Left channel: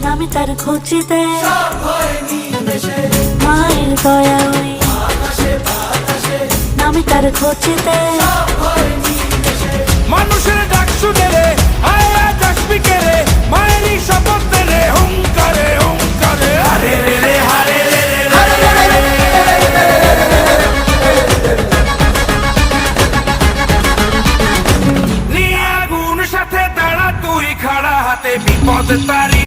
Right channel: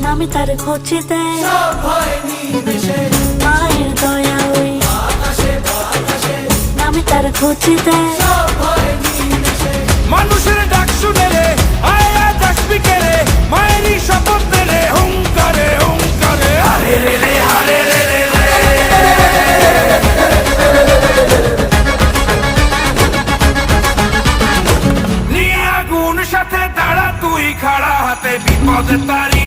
নামে তার খোঁজেতে মায়ের দয়া হই, নামে তার খোঁজেতে মানুষের ডাক শুনে রে আয় আজ আসবি কে রে, মায়েরই শপথ